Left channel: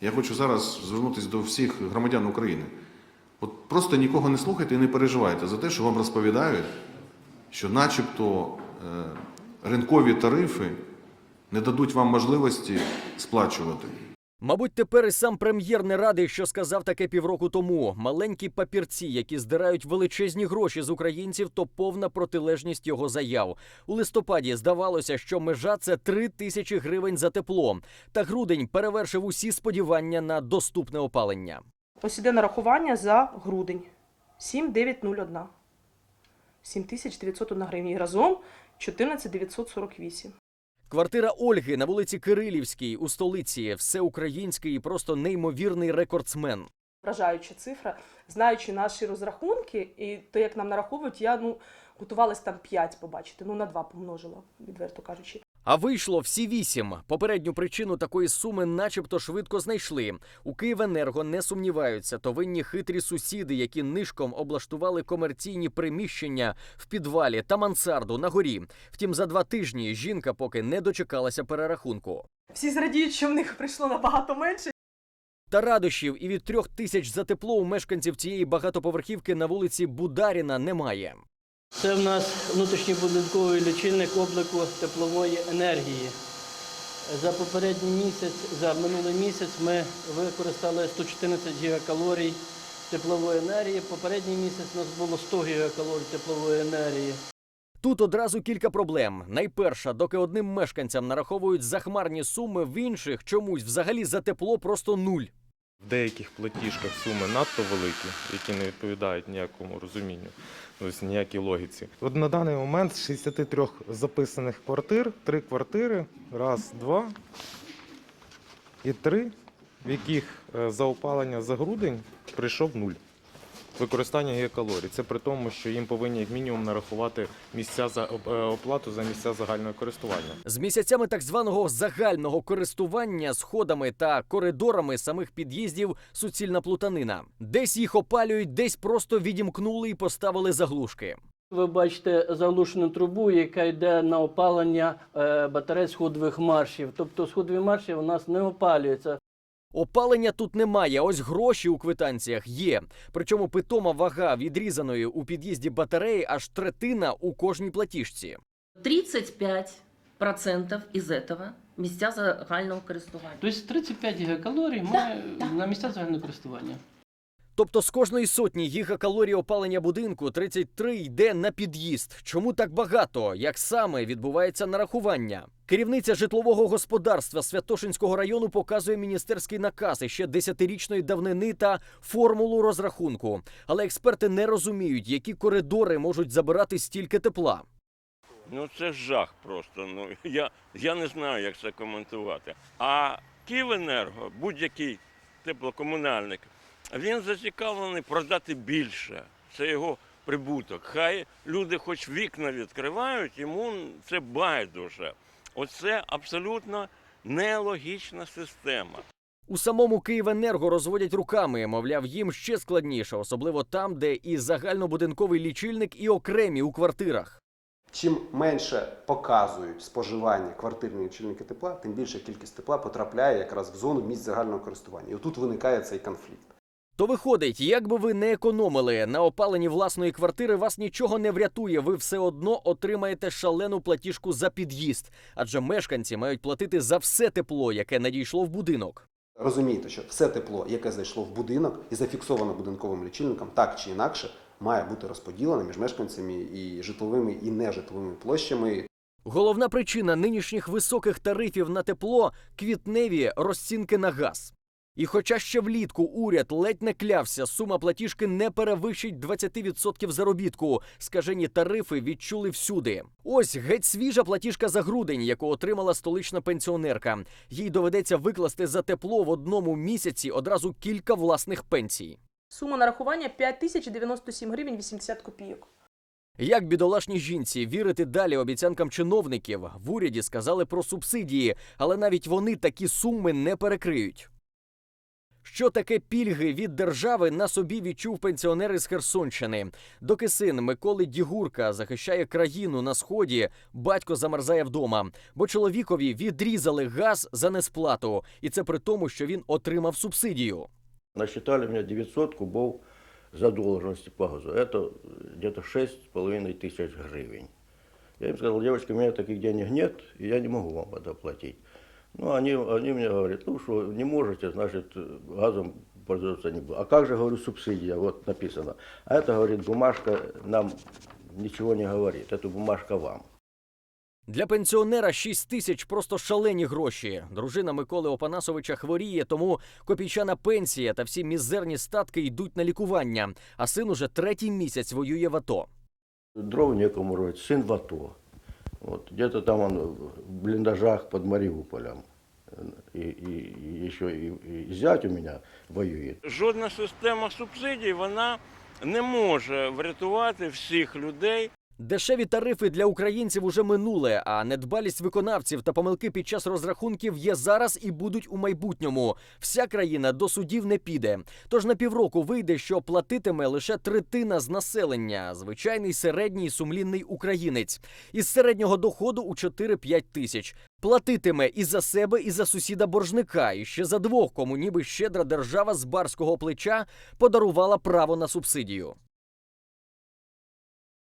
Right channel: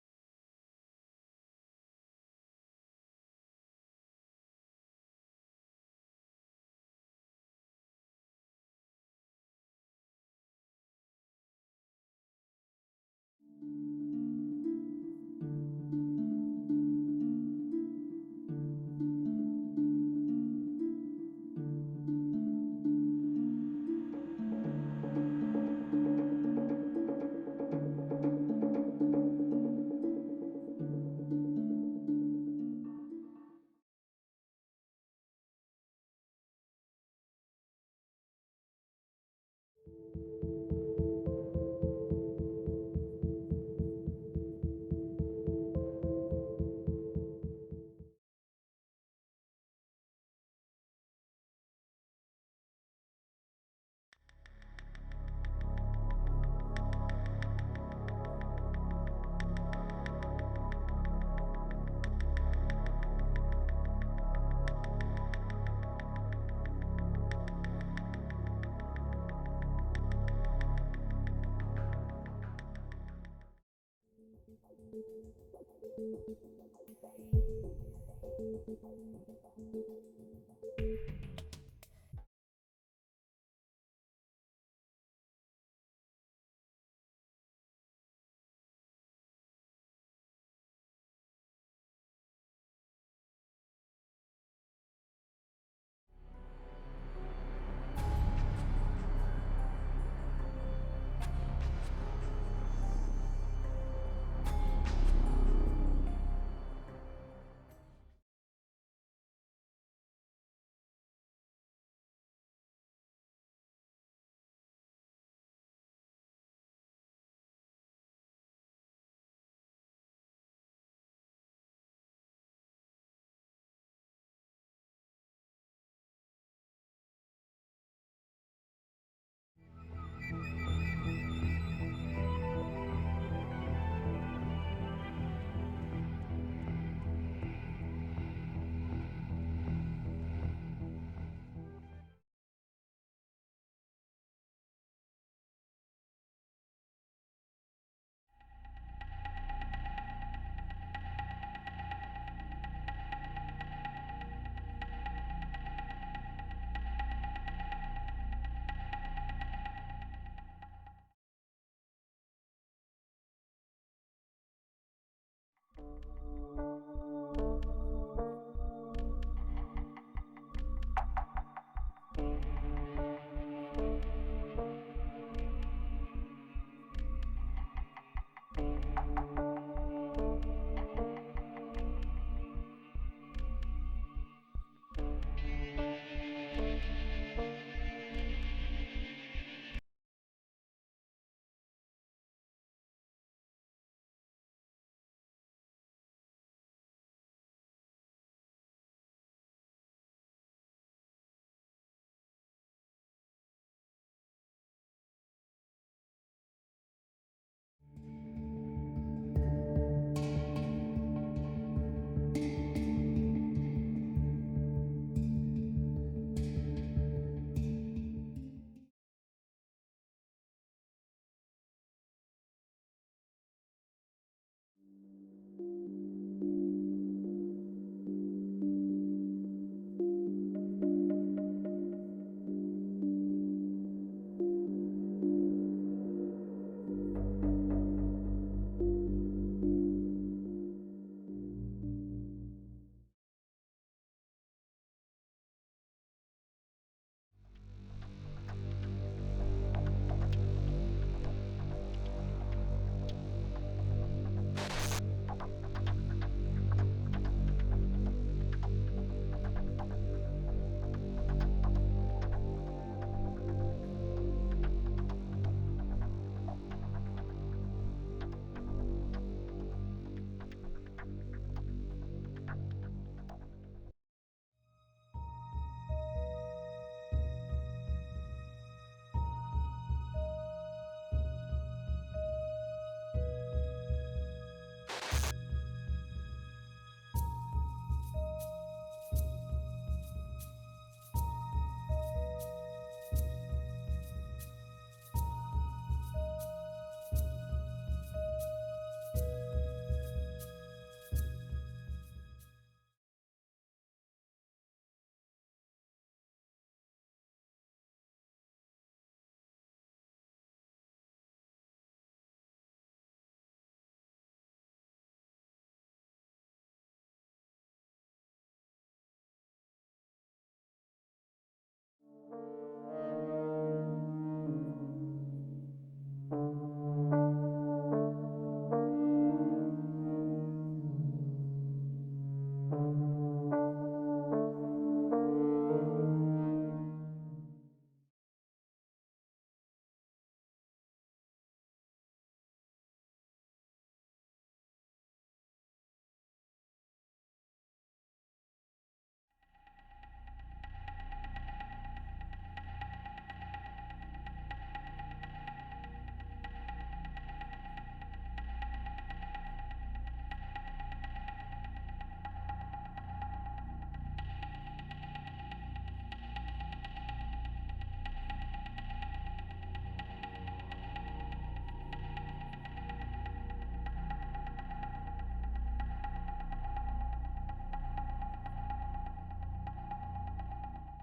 Я хочу зараз звернутися до всіх громадян України. От просто нікого не слухайте і не переживайте за те, що вам розповідають, що начебто е, ринкові тарифи не дадуть вам можливості сплачувати. Мабуть, тепер і сам прем'єр не радий, що сказав таке півроку тому. Маленькі папірці, які здирають величезні гроші з українців, то повна протилежність його заяв. У листопаді здавалося, що межа це 3 тисячі гривень за тепло. Та грудень перевершив усі сподівання на доступне опалення. Ось іде нарахування за грудень 7901. 7901 гривня. І разом 14948. Квартира Ольги на вулиці Кирилівській у столиці всеукраїнський і просто неймовірний рекордсмен. Вражаюча цифра. Знаючи наші розрахунки і те, як нам нараховують, я ну, готувалась там 5 побачити. Ну, на 2 помножила, відверто кажучи. А вийшло всі вісім. Попередню причину такої суми, начебто, швидко знайшли. У Київенерго не сумніваються, то винні хитрі сусіди, які нишком облаштували комерційні приміщення в підвалі та мансарду на горі. Втім, за два тижні жінка поки не дочекалася перерахунку. Всі зрадіють, що в них прийшло набагато менше. Та радощів і від трьох тисяч за тепло у мешканців цієї багатоповерхівки на вулиці Бударіна немає. Це в нас внутрішньобудинковий лічильник обліку теплової енергії. За попередній місяць, за минулий місяць ми використали 114 гігакалорій теплової енергії. Попередній місяць у нас було 100 гігакалорій теплової енергії. Тут одразу кілька проблем. Найперша, доки одним мешканцям нараховують захмарні суми, в інших чомусь взагалі за тепло просто нуль. Деяких платіжках суми надто великі, які не відповідають ніякому розумінню, ось ніякій логіці. От на даний момент з 63 записаних квартир, три квартири, раз, два і три, в яких е, за опалення за грудень прийшов нуль. Використання гігакалорій. Це при тому, що їм повинні як мінімум нарахувати місця за е, оплату за місця загального користування. З місяцями так званого загального користування сходами та коридорами самих під'їздів суцільна плутанина. Десь їх опалюють, десь просто відімкнули і поставили заглушки. Ви бачите заглушену трубу, яка йде на опалення е, батарей сходових маршів. Тобто сходові марші у нас не опалюються. Опалення тут немає, ось гроші у квитанціях є. Причому питома вага відрізаної у під'їзді батареї аж третина у кожній платіжці. 35% із этого місця загального користування. Тобто 35 гігакалорій ми Да, да. на місця загального користування. Тобто з кожної сотні гігакалорій опалення будинку 33 йде на під'їзд. Чому так багато? Як саме відбувається нарахування? Керівниця житлового господарства Святошинського району показує міністерський наказ ще десятирічної давнини та формулу розрахунку. Але експерти не розуміють, які коридори можуть забирати стільки тепла. Ну це жах просто. Ну я, я не знаю, як це коментувати. А Київенерго, будь-який теплокомунальник, він зацікавлений продати більше. Це його прибуток. Хай люди хоч вікна відкривають, йому це байдуже. Оце абсолютно нелогічна система. У самому Київенерго розводять руками, мовляв, їм ще складніше, особливо там, де і загальнобудинковий лічильник, і окремі у квартирах. Чим менше показують споживання квартирні лічильники тепла, тим більша кількість тепла потрапляє якраз в зону місць загального користування. І отут виникає цей конфлікт. То виходить, як би ви не економили на опаленні власної квартири, вас нічого не врятує. Ви все одно отримаєте шалену платіжку за під'їзд, адже мешканці мають платити за все тепло, яке надійшло в будинок. Розумієте, що все тепло, яке зайшло в будинок і зафіксовано будинковим лічильником, так чи інакше має бути розподілено між мешканцями і житловими і нежитловими площами. Головна причина нинішніх високих тарифів на тепло квітневі розцінки на газ. І хоча ще влітку уряд ледь не клявся, сума платіжки не перевищить 20% заробітку. Скажені тарифи відчули всюди. Ось геть свіжа платіжка за грудень, яку отримала столична пенсіонерка. Їй доведеться викласти за тепло в одному місяці одразу кілька власних пенсій. Сума нарахування 5097 гривень 80 копійок. Як бідолашній жінці вірити далі обіцянкам чиновників? В уряді сказали про субсидії, але навіть вони такі суми не перекриють. Що таке пільги від держави на собі відчув пенсіонер із Херсонщини. Доки син Миколи Дігурка захищає країну на сході, батько замерзає вдома, бо чоловікові відрізали газ за несплату, і це при тому, що він отримав субсидію. Насчитали мне 900 кубов задолженности по газу. Это где-то 6,5 тысяч гривен. Я им сказал, девочки, у меня таких денег нет, и я не могу вам это платить. Ну, они, они мне говорят, ну что, не можете, значит, газом пользоваться не буду. А как же, говорю, субсидия, вот написано. А это, говорит, бумажка нам ничего не говорит, это бумажка вам. Для пенсіонера 6 тисяч просто шалені гроші. Дружина Миколи Опанасовича хворіє, тому копійчана пенсія та всі мізерні статки йдуть на лікування. А син уже третій місяць воює в АТО. Дров некому рвать, сын в АТО. Вот, где-то там он в блиндажах под Мариуполем. И, и, и еще и, и зять у меня воюет. Жодна система субсидій вона не може врятувати всіх людей. Дешеві тарифи для українців уже минуле, а недбалість виконавців та помилки під час розрахунків є зараз і будуть у майбутньому. Вся країна до судів не піде. Тож на півроку вийде, що платитиме лише третина з населення, звичайний середній сумлінний українець із середнього доходу у 4-5 тисяч. Платитиме і за себе, і за сусіда боржника, і ще за двох, кому ніби щедра держава з барського плеча подарувала право на субсидію.